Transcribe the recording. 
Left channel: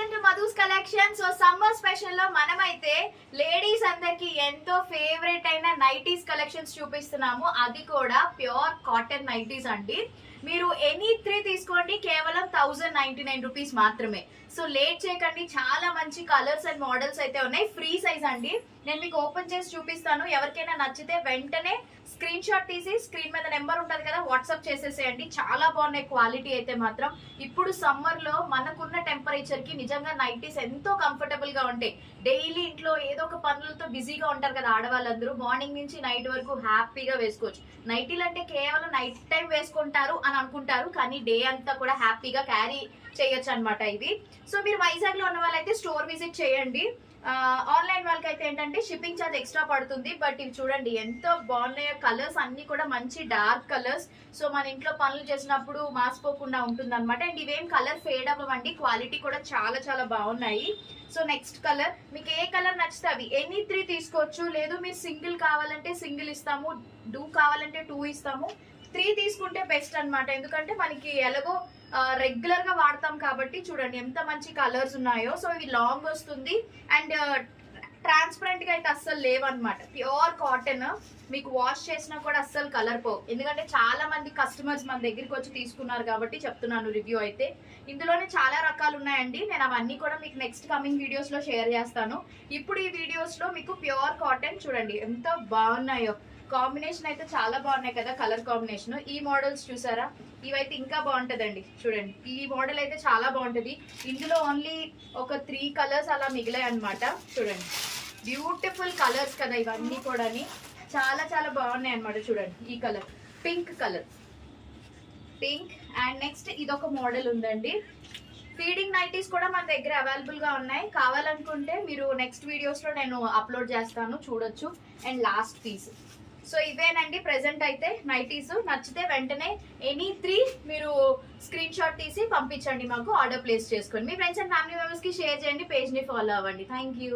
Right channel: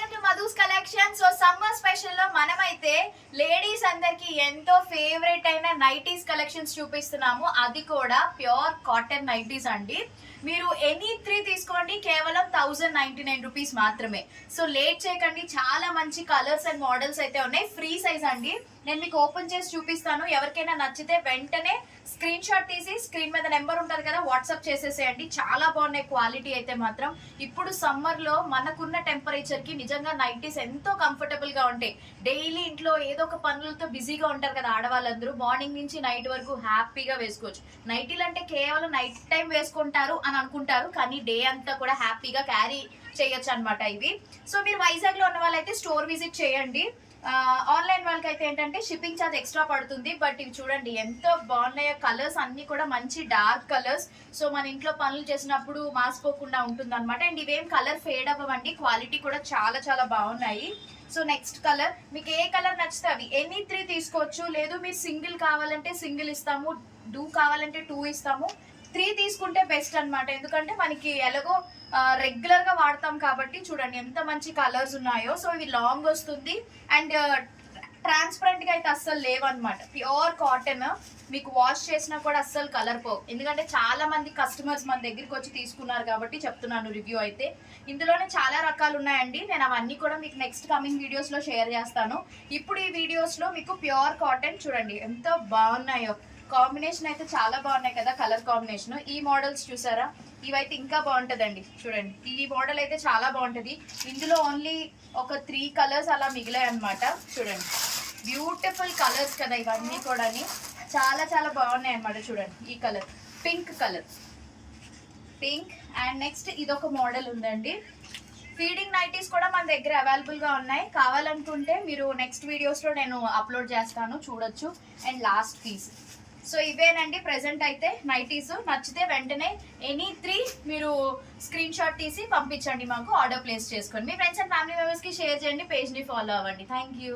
Welcome to Madhu's collection. So summer special లో మనమైతే ladies అందరికి ఎంతో ఫేవరెట్ అయిన నైటీస్ కలెక్షన్స్ చూపిస్తున్నాము. అది కూడా ప్యూర్ కాటన్ నైటీస్ అండి. మీరు ఎనీ 3 తీసుకోండి, కేవలం 1099 రూపీస్ మాత్రమే. సో లేట్ చేయకండి, చాలా మంచి కలర్స్ అండ్ మోడల్స్ అయితే ఉన్నాయి. ఫ్రీ సైజ్ అండి. నేను మీకు ఓపెన్ చేసి చూపిస్తాను. ఎవరికైనా నచ్చితే వెంటనే స్క్రీన్ షాట్ తీసి స్క్రీన్ మీద నెంబర్ ఉంటుంది కదా, వాట్సాప్ చేసేసేయండి. చాలా బాగున్నాయి క్వాలిటీ అయితే మాత్రం. ఇప్పుడు సమ్మర్ లో మనకున్న టెంపరేచర్ కి నిజంగా నైటీస్ ఎంతో కంఫర్టబుల్ గా ఉంటాయి. డైలీ ఇంట్లో ఏదో ఒక పనులతో బిజీగా ఉంటారు కదా ఆడవాళ్ళందరూ, మార్నింగ్ నుంచి నైట్ వరకు హ్యాపీగా వేసుకోవచ్చు. నైటీలు అంటే కేవలం నైట్ టైం వేసుకుంటారు అని అనుకుంటారు, కానీ డే అంతా కూడా హ్యాపీగా క్యారీ చేయొచ్చు అనమాట ఇవి. సో మీరు వైజాగ్ లో ఉన్న వాళ్ళైతే స్టోర్ విజిట్ చేయండి. ఆన్లైన్ వాళ్ళకి అయితే ఏంటంటే షిప్పింగ్ ఛార్జ్ ఎక్స్ట్రా పడుతుంది. బట్ ఇవి చూడండి ఎంత బాగున్నాయో, కలర్స్ అన్ని కూడా మంచి డార్క్ కలర్స్. సో మన ఇంట్లో పనులు చేసినప్పుడు మాసిపోకుండా ఉంటుంది అనమాట. అండ్ ఇవేం కలర్ ఫేడ్ అవ్వండి, క్వాలిటీ కూడా చాలా చాలా బాగున్నాయి. సో నెక్స్ట్ కలర్, మీకు ఏ కలర్ నచ్చితే అవి ఎనీ 3 తీసుకోవచ్చు. లేదు మీరు సింగిల్ కావాలంటే సింగిల్ ఇస్తాము, 2 కావాలంటే 2 ఇస్తాము. 3 తీసుకుంటే బెస్ట్ అనమాట, ఎందుకంటే మనకి ఎలాగో రెగ్యులర్ గా వాడతాం కాబట్టి. చూడండి ఎంత మంచి కలర్స్ ఉన్నాయో. సో ఇవి లాంగ్ వస్తుంది అండ్ ట్రాన్స్పరెంట్ గా అయితే అస్సలు లేవన్నమాట. ప్యూర్ కాటన్, మీకు వాష్ చేసినా కూడా అస్సలు కలర్ పోవు. ఎందుకంటే చాలా మంది కస్టమర్స్ మన దగ్గరికి వచ్చి తీసుకున్నారు కాబట్టి చెప్తున్నాను రివ్యూ అయితే. ఇందులోనే చాలా రకాలు ఉన్నాయండి. నేను అవన్నీ కూడా మీకు నెక్స్ట్ కమింగ్ వీడియోస్ లో షేర్ చేస్తాను. ఇప్పుడు ఈ వీడియోస్ లో మీకు ప్యూర్ కాటన్ చూడండి ఎంత బాగున్నాయో. కాంబినేషన్ అయితే చాలా బాగున్నాయి కదా, కలర్ కాంబినేషన్. ఈ మోడల్స్ చూసారా, ఇవైతే ఇంకా బాగుంటదండి. చూడండి ఈ మోడల్ అయితే చాలా బాగుంటది. ఇందులో ఓన్లీ ఒక 3 కలర్స్ అలా మిగిలాయి అనమాట. చూడండి బ్యూటిఫుల్ కలర్స్ కదా ఇవన్నీ కూడా, చాలా చాలా బాగున్నాయి అనమాట. చూడండి ఈ colour pink colour, pink. And next ఇదొక మోడల్ ఉందండి. ఫీడింగ్ నైటీస్ కూడా మన దగ్గర అవైలబుల్ గా ఉన్నాయి. కావాలనుకుంటే మీరు నెక్స్ట్ వీడియోస్ లో నేను అప్లోడ్ చేస్తాను, చూడొచ్చు. And last piece. సో ఇవేనండి ప్రెసెంట్ అయితే నైటీస్. నచ్చితే వెంటనే ఎనీ 3 మీరు స్క్రీన్ షాట్ తీసి పంపించండి, మాకు ఆర్డర్ ప్లేస్ చేసుకొని. మీ ఫ్రెండ్స్ అండ్ ఫ్యామిలీ మెంబర్స్ కి షేర్ చేయండి, పేజ్ ని ఫాలో అవ్వండి. Thank you.